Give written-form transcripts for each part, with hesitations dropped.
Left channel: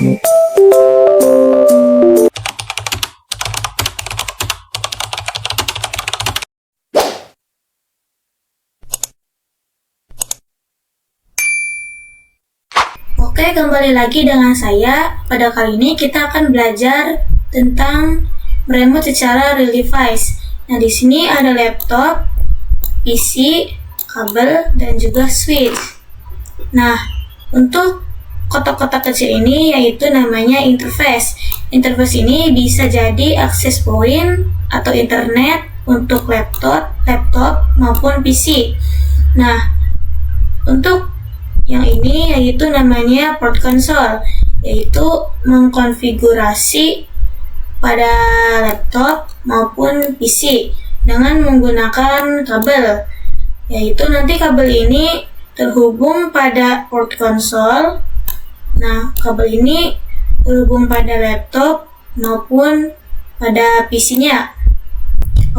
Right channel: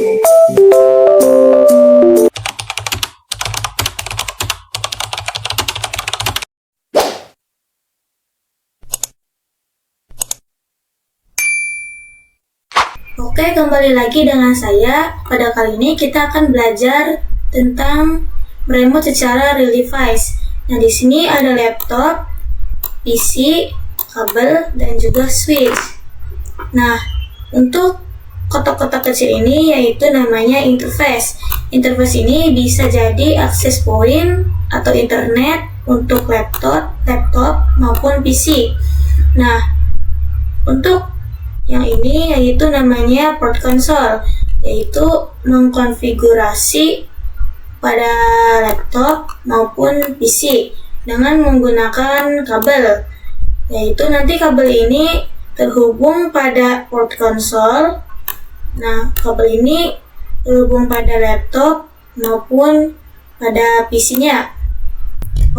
Oke, kembali lagi dengan saya. Pada kali ini kita akan belajar tentang meremote secara real device. Nah, di sini ada laptop, PC, kabel, dan juga switch. Nah, untuk kotak-kotak kecil ini yaitu namanya interface. Interface ini bisa jadi access point atau internet untuk laptop maupun PC. Nah, untuk yang ini yaitu namanya port console, yaitu mengkonfigurasi pada laptop maupun PC dengan menggunakan kabel, yaitu nanti kabel ini terhubung pada port console. Nah, kabel ini terhubung pada laptop maupun pada PC-nya.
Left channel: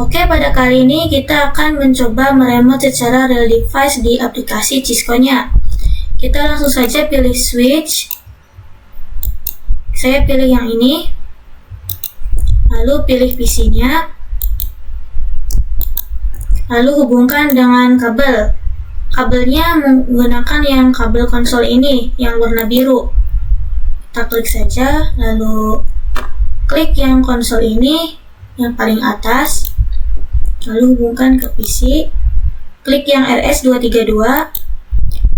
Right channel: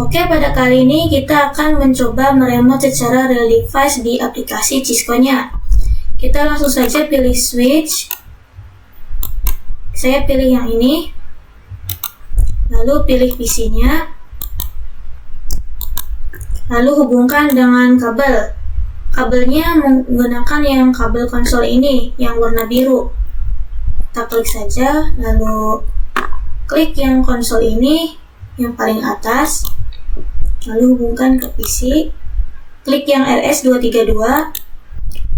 Oke, pada kali ini kita akan mencoba meremote secara real device di aplikasi Cisco-nya. Kita langsung saja pilih switch. Saya pilih yang ini. Lalu pilih PC-nya. Lalu hubungkan dengan kabel. Kabelnya menggunakan yang kabel konsol ini, yang warna biru. Kita klik saja, lalu klik yang konsol ini, yang paling atas. Lalu hubungkan ke PC. Klik yang RS232.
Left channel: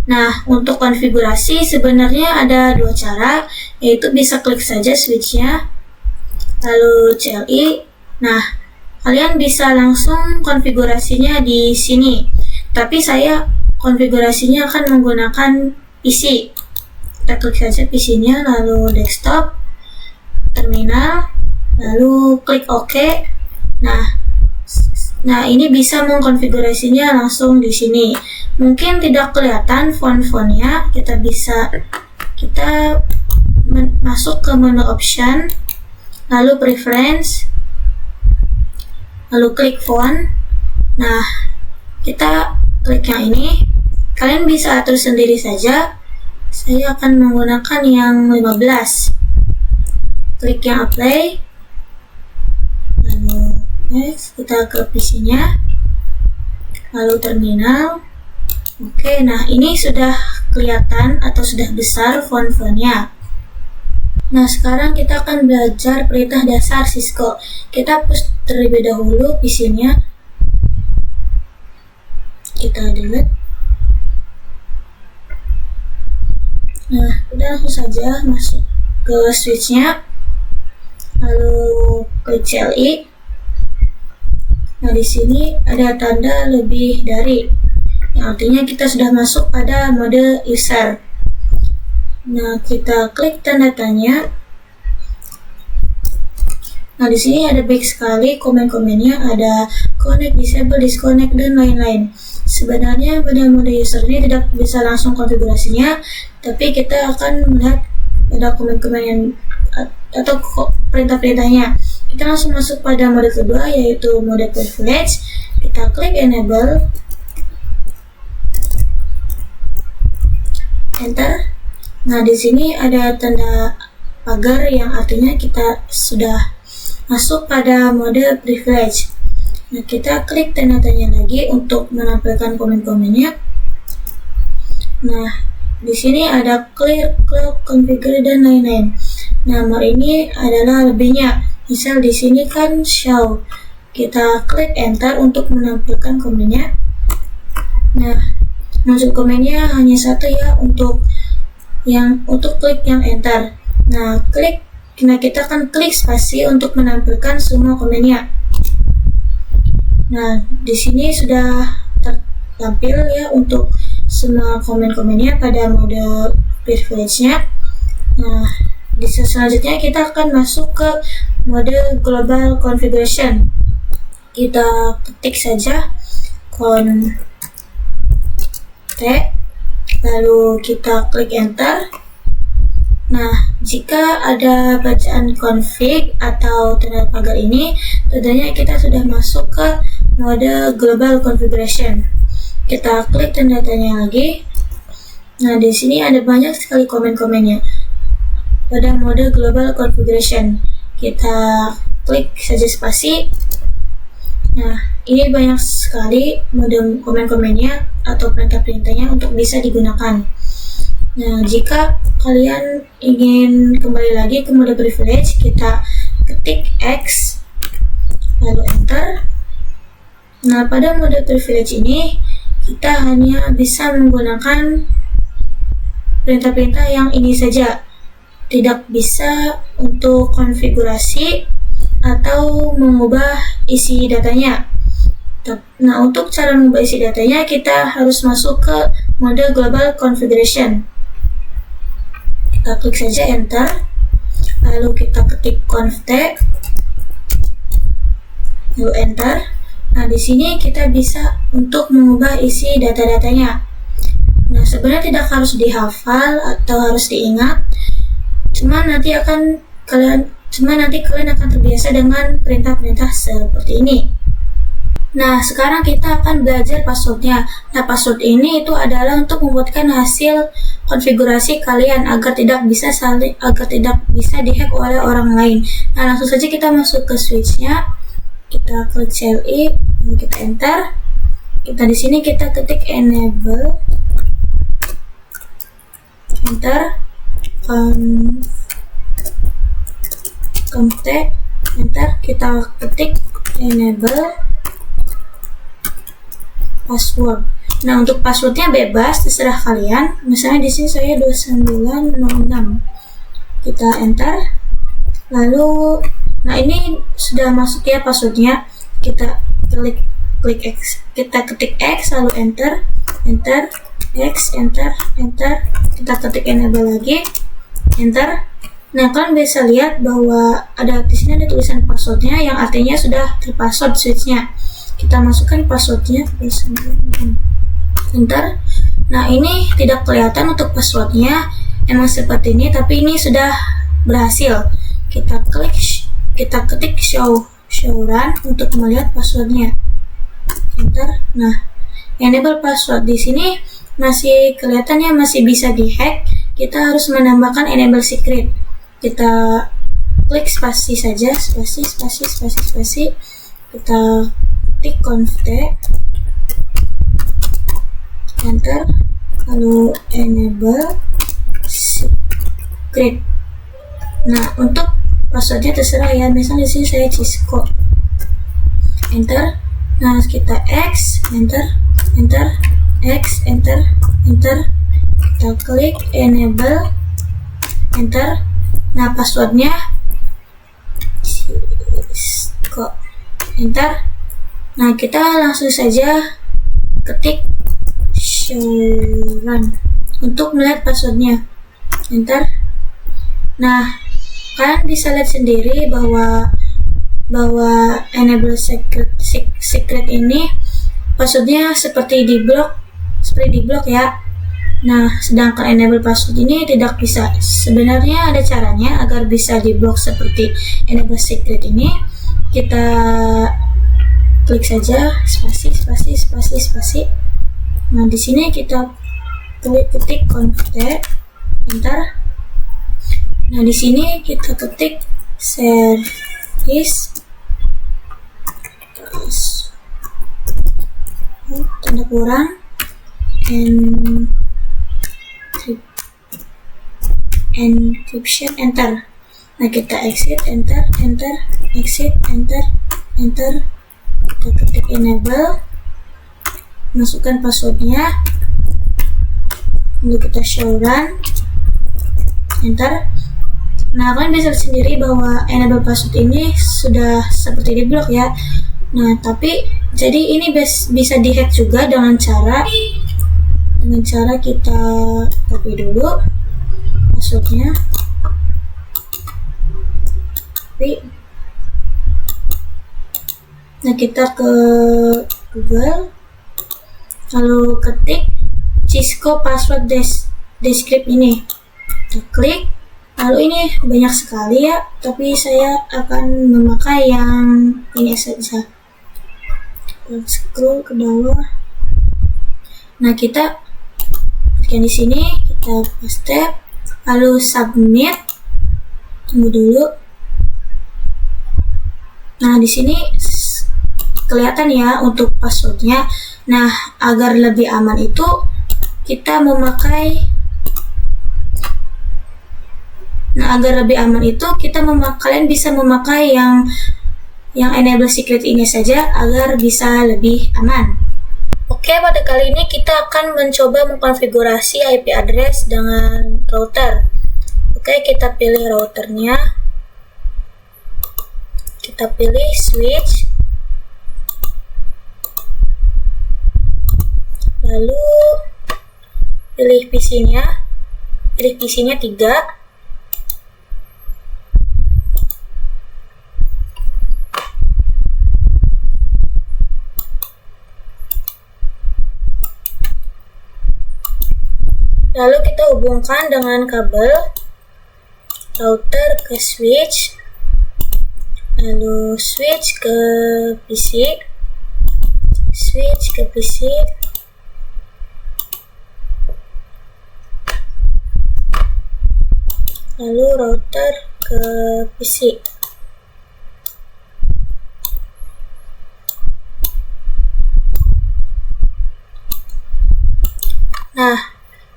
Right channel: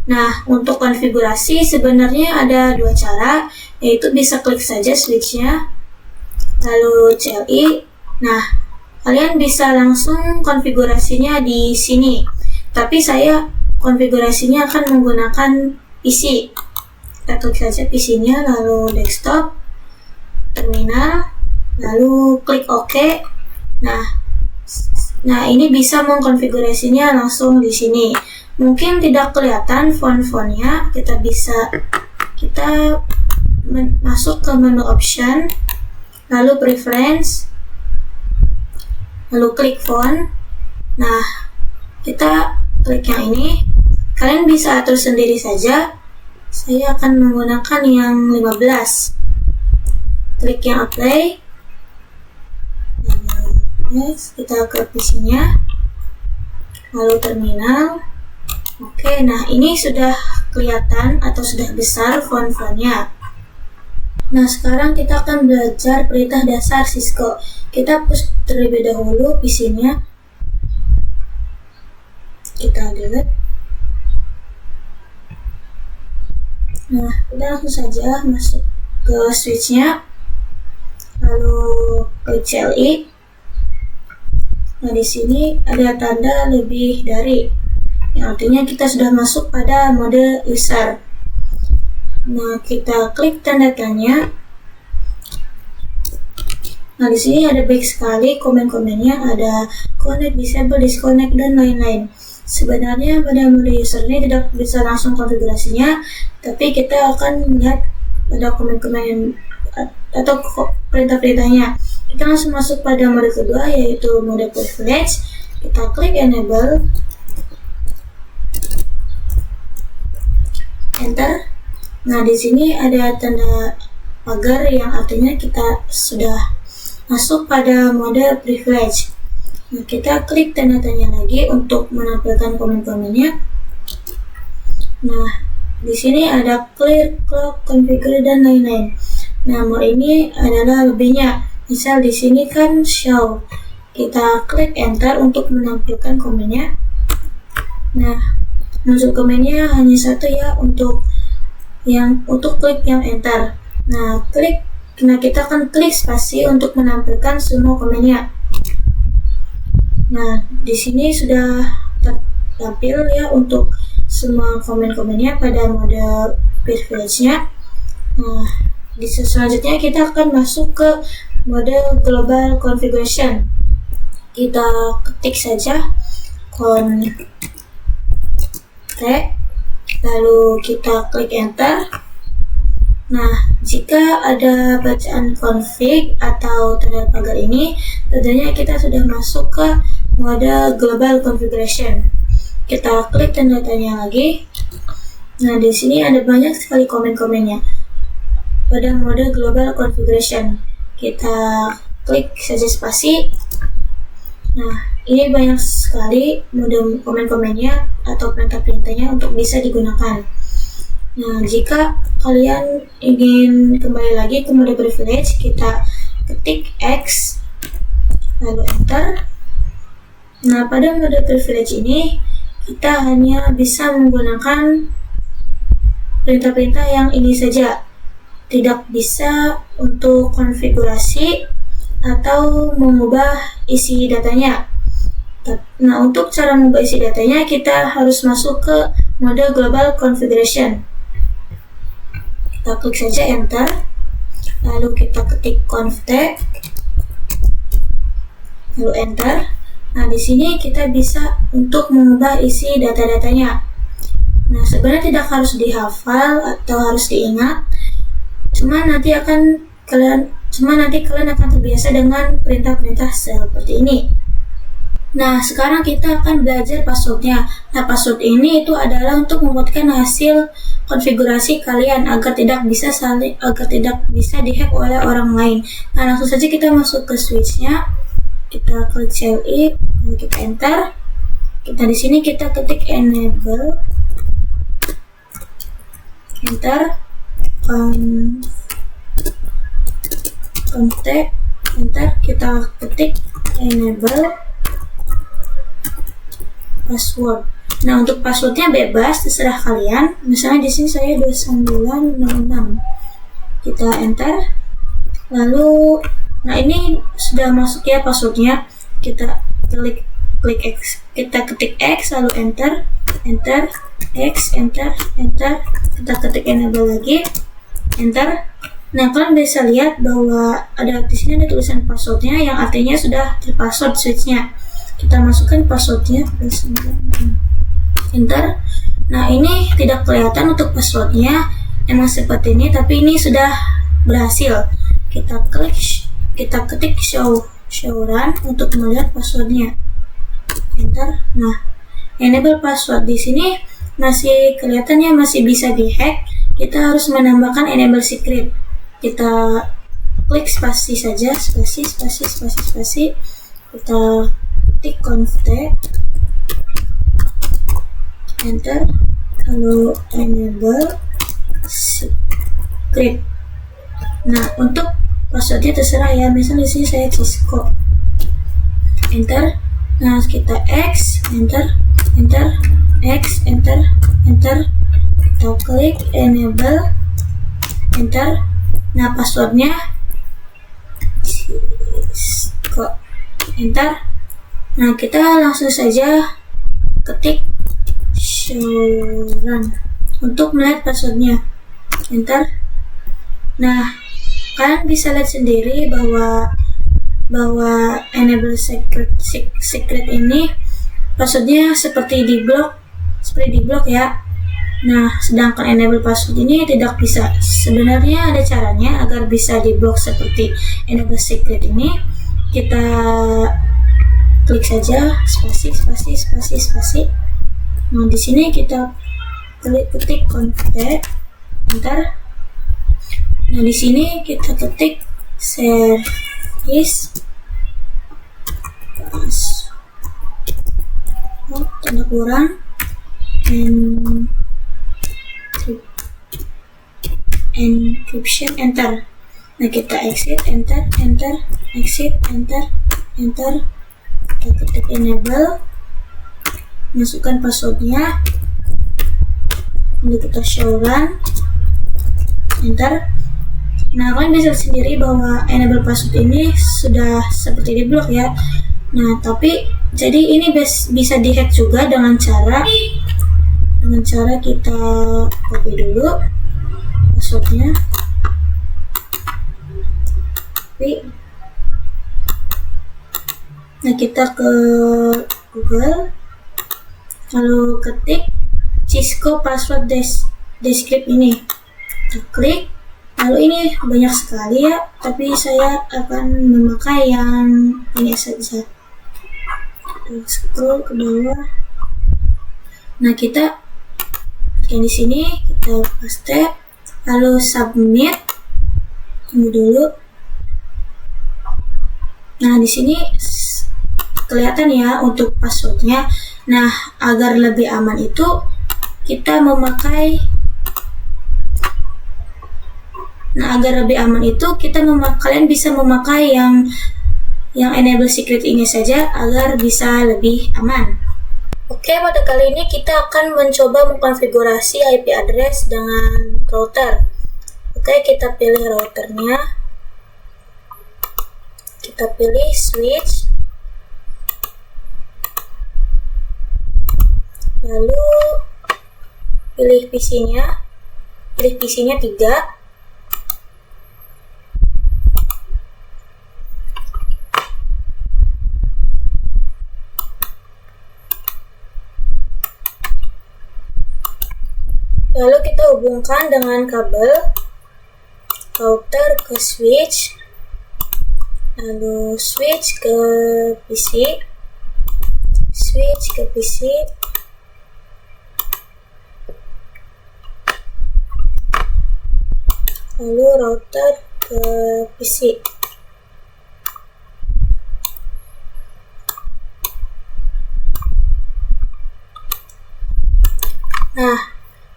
Nah, untuk konfigurasi sebenarnya ada dua cara, yaitu bisa klik saja switch-nya, lalu CLI. Nah, kalian bisa langsung konfigurasinya di sini, tapi saya konfigurasinya akan menggunakan PC. Kita klik saja PC-nya, lalu desktop, terminal, lalu klik OK. Nah, ini bisa mengkonfigurasinya langsung di sini. Mungkin tidak kelihatan font-fontnya, kita masuk ke menu option, lalu preference, lalu klik font. Nah, kita klik yang ini. Kalian bisa atur sendiri saja. Saya akan menggunakan yang 15. Klik yang apply. Lalu next, kita ke PC-nya. Lalu terminal. Oke, nah ini sudah kelihatan atau sudah besar font-fontnya. Nah, sekarang kita akan belajar perintah dasar Cisco. Kita push terlebih dahulu PC-nya. Kita delete. Nah, kita langsung saja masuk ke switch-nya. Lalu klik CLI. Nah, di sini ada tanda lebih dari, yang artinya kita sudah masuk pada mode user. Nah, kita klik tanda tanya. Nah, di sini ada baik sekali komen-komennya, ada connect, disable, disconnect, dan lain-lain. Sebenarnya pada mode user ini tidak bisa langsung konfigurasinya, tapi kita akan melihat pada komen-komen atau perintah-perintahnya. Kita langsung masuk pada mode kedua, yaitu mode privilege. Kita klik enable, enter. Nah, di sini ada tanda pagar yang artinya kita sudah masuk pada mode privilege. Nah, kita klik tanda tanya lagi untuk menampilkan komen-komennya. Nah, di sini ada clear, clock, configure, dan lain-lain. Nah, mode ini adalah lebihnya. Misal di sini kan show. Kita klik enter untuk menampilkan komennya. Nah, muncul komennya hanya satu ya untuk klik yang enter. Nah, kita akan klik spasi untuk menampilkan semua komennya. Nah, di sini sudah tertampil ya untuk semua komen-komennya pada mode privilege-nya. Nah, selanjutnya kita akan masuk ke mode global configuration. Kita ketik saja T, lalu kita klik enter. Nah, jika ada bacaan config atau tanda pagar ini, tentunya kita sudah masuk ke mode global configuration. Kita klik tanda tanya lagi. Nah, di sini ada banyak sekali komen-komennya. pada mode global configuration. Kita klik saja spasi. Nah, ini banyak sekali mode komen-komennya atau perintah-perintahnya untuk bisa digunakan. Nah, jika kalian ingin kembali lagi ke mode privilege, kita ketik X, lalu enter. Nah, pada mode privilege ini, kita hanya bisa menggunakan perintah-perintah yang ini saja. Tidak bisa untuk konfigurasi atau mengubah isi datanya. Nah, untuk cara mengubah isi datanya, kita harus masuk ke mode global configuration. Kita klik saja enter, lalu kita ketik conft, lalu enter. Nah, di sini kita bisa untuk mengubah isi data-datanya. Nah, sebenarnya tidak harus dihafal atau harus diingat, cuma nanti kalian akan terbiasa dengan perintah-perintah seperti ini. Nah, sekarang kita akan belajar passwordnya. Nah, password ini itu adalah untuk membuatkan hasil konfigurasi kalian agar tidak bisa dihack oleh orang lain. Nah, langsung saja kita masuk ke switch-nya. Kita klik CLI, lalu kita enter. Di sini kita ketik enable, enter, conft, enter. Kita ketik enable password. Nah, untuk passwordnya bebas, terserah kalian. Misalnya di sini saya 2906. Kita enter. Lalu, nah ini sudah masuk ya passwordnya. Kita klik X, kita ketik X, lalu enter, X, enter. Kita ketik enable lagi, enter. Nah, kalian bisa lihat bahwa di sini ada tulisan passwordnya yang artinya sudah terpassword switchnya. Kita masukkan passwordnya, enter. Nah, ini tidak kelihatan untuk passwordnya, emang seperti ini, tapi ini sudah berhasil. Kita ketik show run untuk melihat passwordnya, enter. Nah, enable password di sini masih kelihatannya masih bisa dihack. Kita harus menambahkan enable secret. Kita klik spasi saja, spasi. Kita ketik conft, enter, lalu enable secret. Nah, untuk passwordnya terserah ya. Misalnya di sini saya Cisco, enter. Nah, kita X, enter, X, enter. Kita klik enable, enter. Nah, passwordnya Cisco, enter. Nah, kita langsung saja ketik show run untuk melihat passwordnya, enter. Nah, kalian bisa lihat sendiri bahwa enable secret ini passwordnya seperti di blok ya. Nah, sedangkan enable password ini tidak bisa. Sebenarnya ada caranya agar bisa di blok seperti enable secret ini. Kita klik saja spasi. Nah, di sini kita ketik conft, enter. Nah, di sini kita ketik service tanda kurang encryption, enter. Nah, kita exit, enter, exit, enter. Kita ketik enable, masukkan passwordnya, lalu kita show run, enter. Nah, kalian bisa lihat sendiri bahwa enable password ini sudah seperti di blok ya. Nah, tapi jadi ini bisa dihack juga dengan cara kita copy dulu passwordnya. Nah, kita ke Google, lalu ketik Cisco password descript ini. Kita klik, lalu ini banyak sekali ya, tapi saya akan memakai yang ini saja. Kita scroll ke bawah. Nah, kita klik di sini, kita paste, lalu submit. Tunggu dulu. Nah, di sini kelihatan ya untuk passwordnya. Nah, agar lebih aman itu kita memakai kalian bisa memakai yang enable secret ini saja agar bisa lebih aman. Oke, pada kali ini kita akan mencoba mengkonfigurasi IP address dengan router. Oke, kita pilih routernya. Kita pilih switch. Lalu pilih PC-nya. Pilih PC-nya 3. Lalu kita hubungkan dengan kabel router ke switch, lalu switch ke PC, lalu router ke PC. Nah,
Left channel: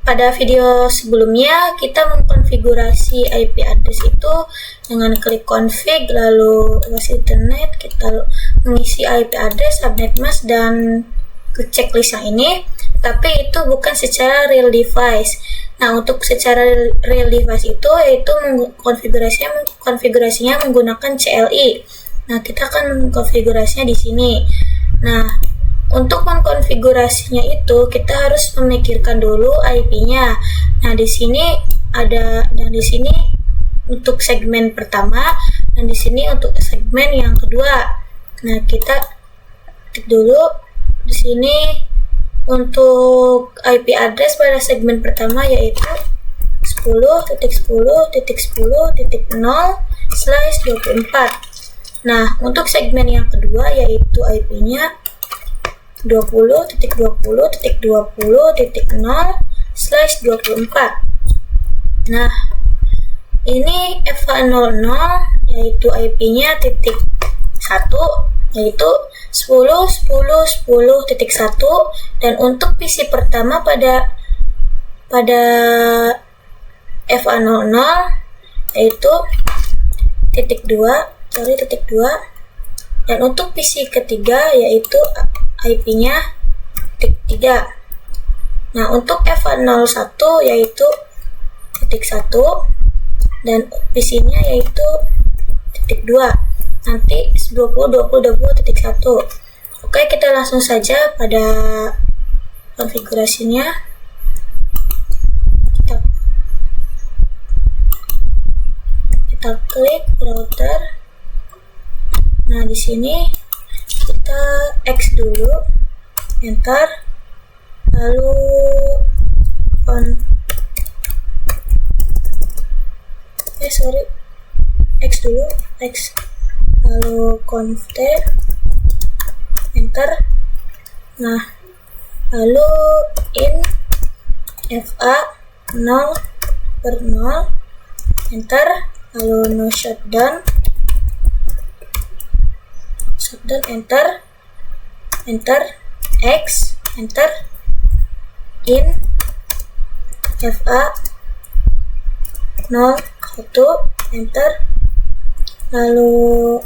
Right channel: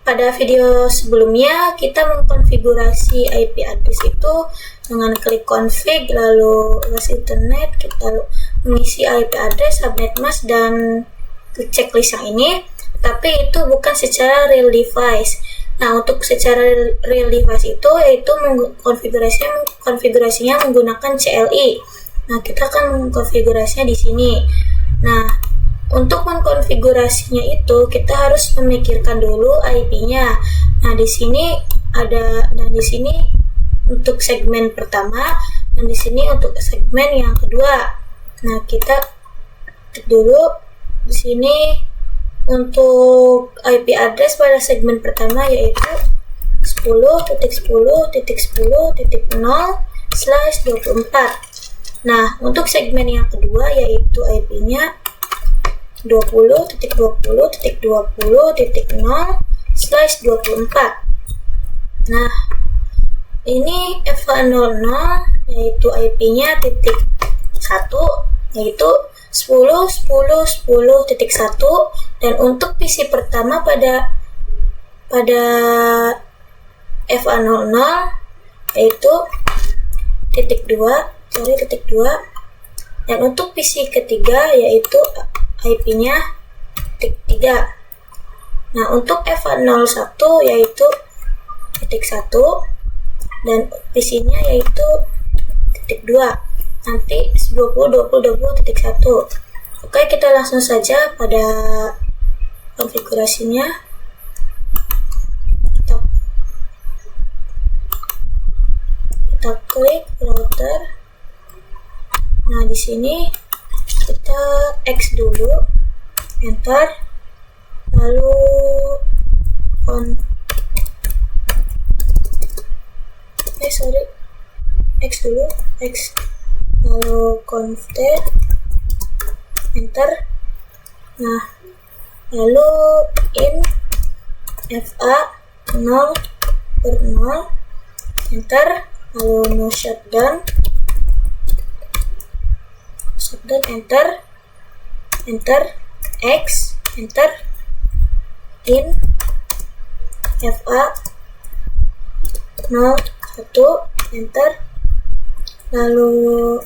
pada video sebelumnya kita mengkonfigurasi IP address itu dengan klik config, lalu luas internet, kita mengisi IP address, subnet mask, dan klik checklist yang ini. Tapi itu bukan secara real device. Nah, untuk secara real device itu yaitu konfigurasinya menggunakan CLI. Nah, kita akan mengkonfigurasinya di sini. Nah, untuk mengkonfigurasinya itu kita harus memikirkan dulu IP-nya. Nah, di sini untuk segmen pertama dan di sini untuk segmen yang kedua. Nah, kita ketik dulu di sini untuk IP address pada segmen pertama yaitu 10.10.10.0/24. Nah, untuk segmen yang kedua yaitu IP-nya 20.20.20.0/24. Nah, ini FH00 yaitu IP-nya .1 yaitu 10.10.10.1, dan untuk PC pertama pada FH00 yaitu .2, dan untuk PC ketiga yaitu IP-nya .3. Nah, untuk FH01 yaitu .1 dan PC-nya yaitu .2. Nanti 20.20.20.1. Oke, kita langsung saja pada konfigurasinya. Kita klik router. Nah, di sini kita X dulu, enter, lalu X dulu, lalu config, enter. Nah, lalu in FA 0/0, enter, lalu no shutdown, enter, X, enter, in FA 01, enter, lalu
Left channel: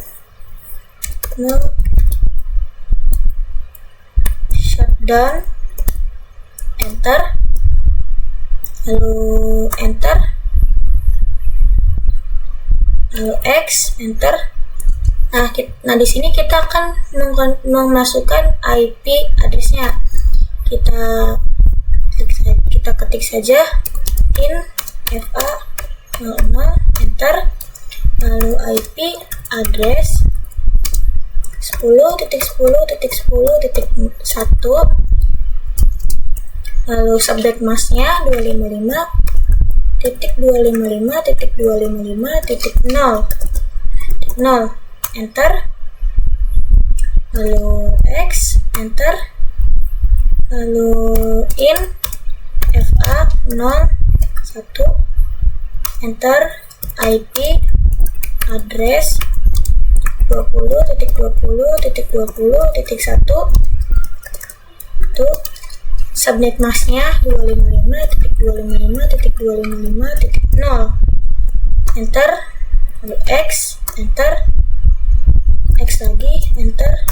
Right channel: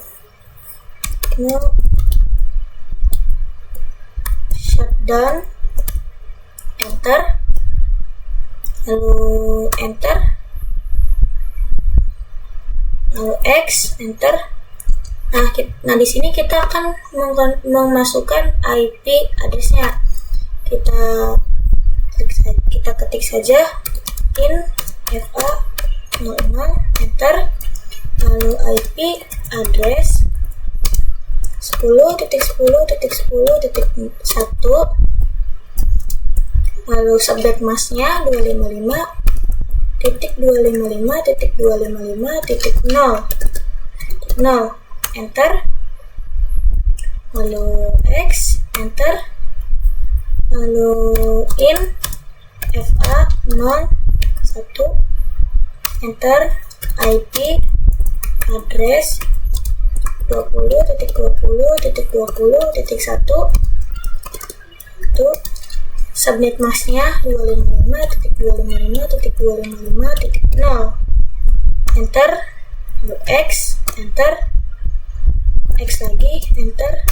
no shutdown, enter, lalu enter, lalu X, enter. Nah, di sini kita akan memasukkan IP address-nya. Kita ketik saja in FA 00, enter, lalu IP address 10.10.10.1, lalu subnet mask-nya 255.255.255.0, enter, lalu X, enter, lalu in FA 01, enter, IP address 20.20.20.1 itu subnet masknya 255.255.255.0, enter, lalu X, enter, X lagi, enter.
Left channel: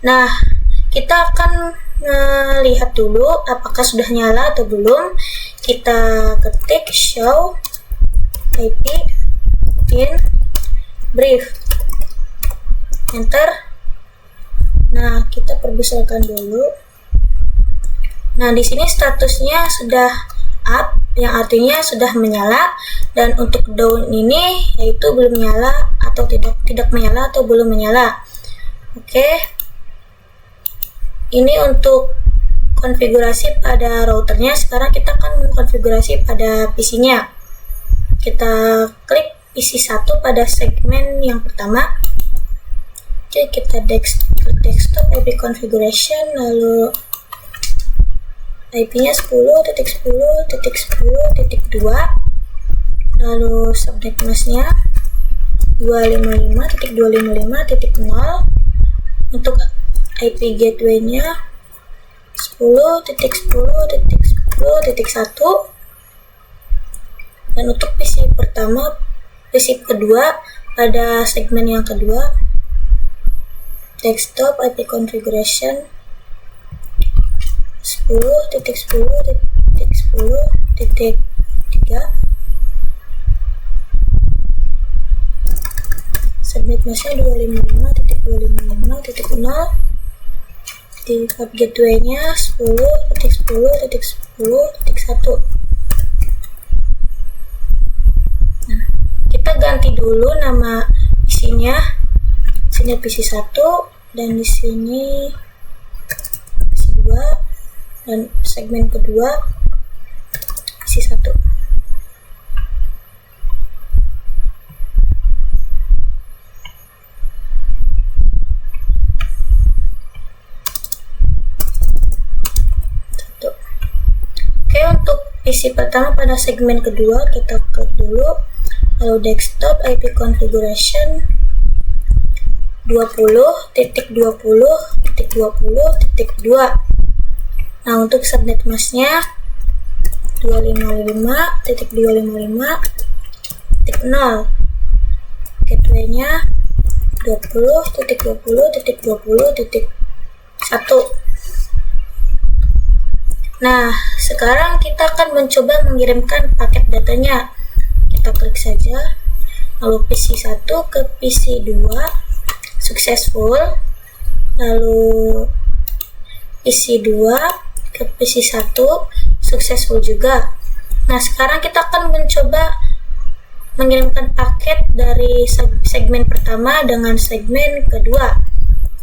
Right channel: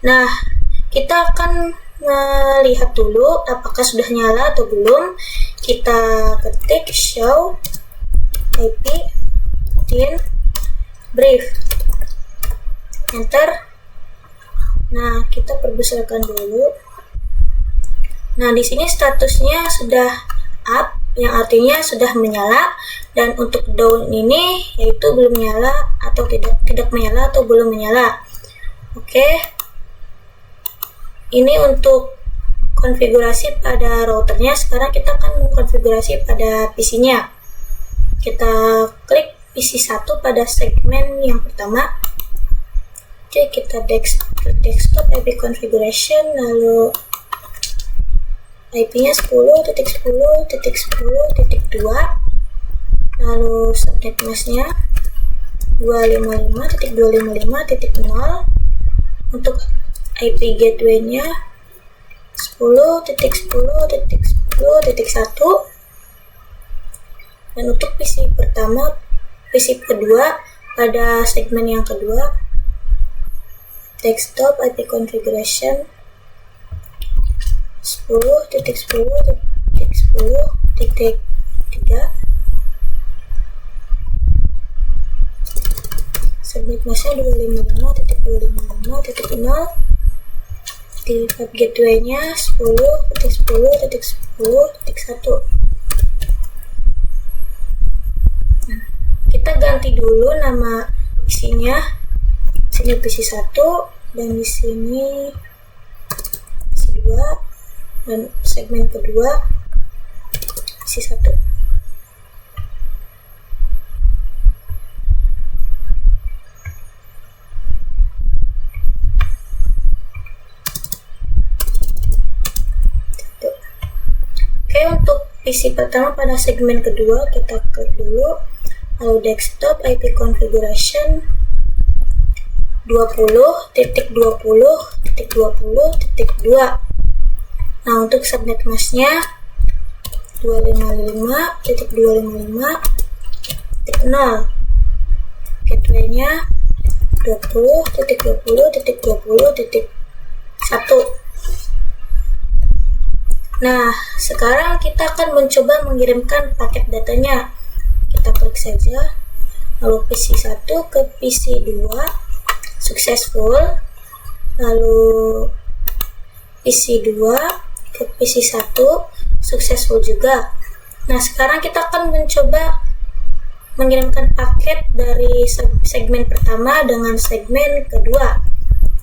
Nah, kita akan melihat dulu apakah sudah nyala atau belum. Kita ketik show IP in brief, enter. Nah, kita perbesarkan dulu. Nah, di sini statusnya sudah up, yang artinya sudah menyala, dan untuk down ini yaitu belum menyala atau tidak menyala atau belum menyala. Oke. Ini untuk konfigurasi pada routernya. Sekarang kita akan mengkonfigurasi pada PC-nya. Kita klik PC 1 pada segmen yang pertama. Oke, kita klik desktop IP configuration, lalu IP-nya 10.10.10.2, lalu subnet masknya 255.255.0. Untuk IP gateway-nya 10.10.10.1, dan untuk PC kedua pada segmen yang kedua, desktop IP configuration 10.10.10.3, subnet masknya 255.255.0, di web gateway-nya 10.10.10.1. Nah, kita ganti dulu nama PC-nya. Sini PC 1 dan di sini PC 2, dan segmen kedua PC 1. Oke, untuk PC pertama pada segmen kedua kita klik dulu, lalu desktop IP configuration 20.20.20.2. Nah, untuk subnet masknya 255.255.0, gateway-nya 20.20.20.1. Nah, sekarang kita akan mencoba mengirimkan paket datanya. Kita klik saja, lalu PC 1 ke PC 2 successful, lalu PC 2 ke PC 1 successful juga. Nah, sekarang kita akan mencoba mengirimkan paket dari segmen pertama dengan segmen kedua.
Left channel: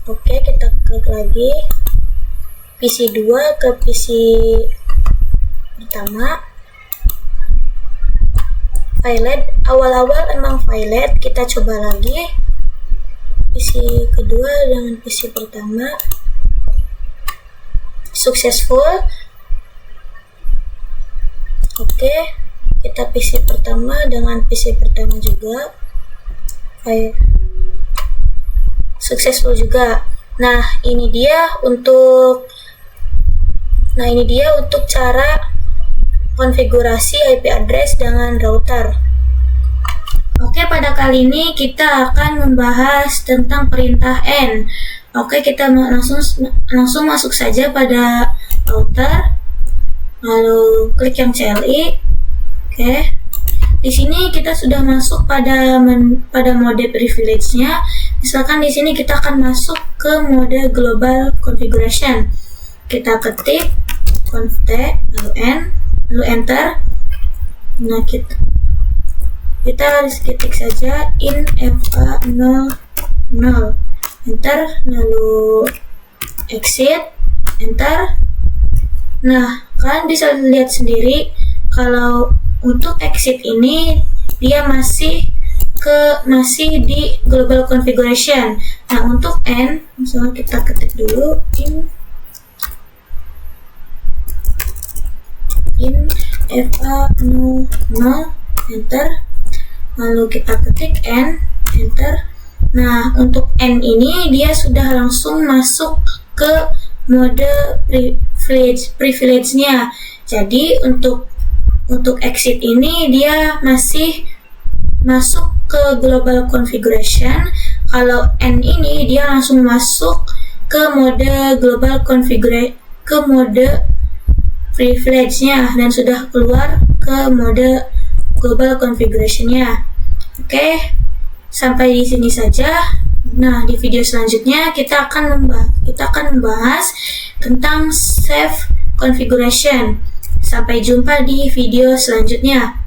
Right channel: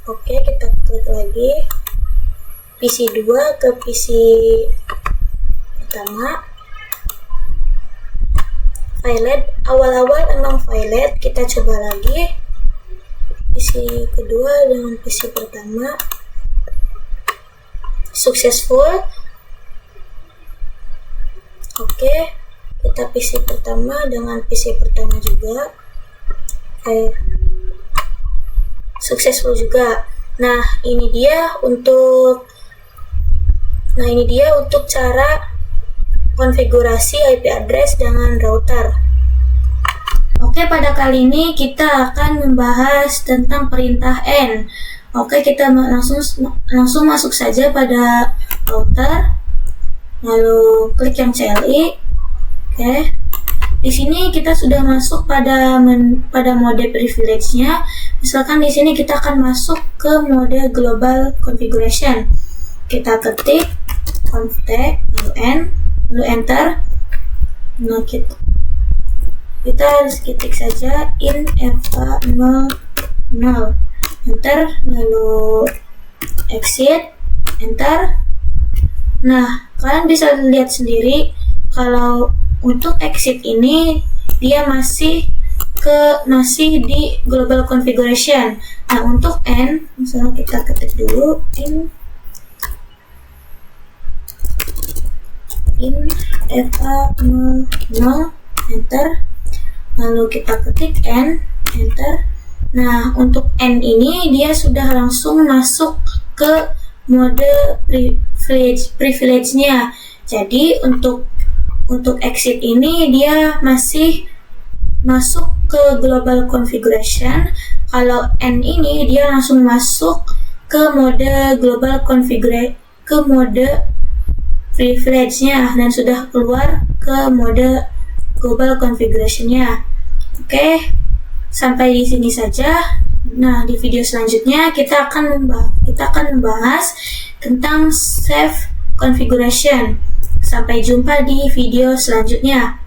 Oke, kita klik lagi PC 2 ke PC pertama. Violet, awal-awal emang violet, kita coba lagi PC kedua dengan PC pertama successful. Oke, kita PC pertama dengan PC pertama juga successful juga. Nah, ini dia untuk cara konfigurasi IP address dengan router. Oke, pada kali ini kita akan membahas tentang perintah N. Oke, kita langsung masuk saja pada router, lalu klik yang CLI. Oke, di sini kita sudah masuk pada mode privilege-nya. Misalkan di sini kita akan masuk ke mode global configuration. Kita ketik conft lalu N, lalu enter. Nah, kita ketik saja infa00, enter, lalu exit, enter. Nah, kalian bisa lihat sendiri kalau untuk exit ini dia masih di global configuration. Nah, untuk N, misalnya kita ketik dulu infa00, enter. Lalu kita ketik N, enter. Nah, untuk N ini dia sudah langsung masuk ke mode privilege-nya. Jadi untuk exit ini dia masih masuk ke global configuration. Kalau N ini dia langsung masuk ke mode global configuration, ke mode privilege-nya, dan sudah keluar ke mode global configuration-nya. Oke, sampai di sini saja. Nah, di video selanjutnya kita akan membahas tentang save configuration. Sampai jumpa di video selanjutnya.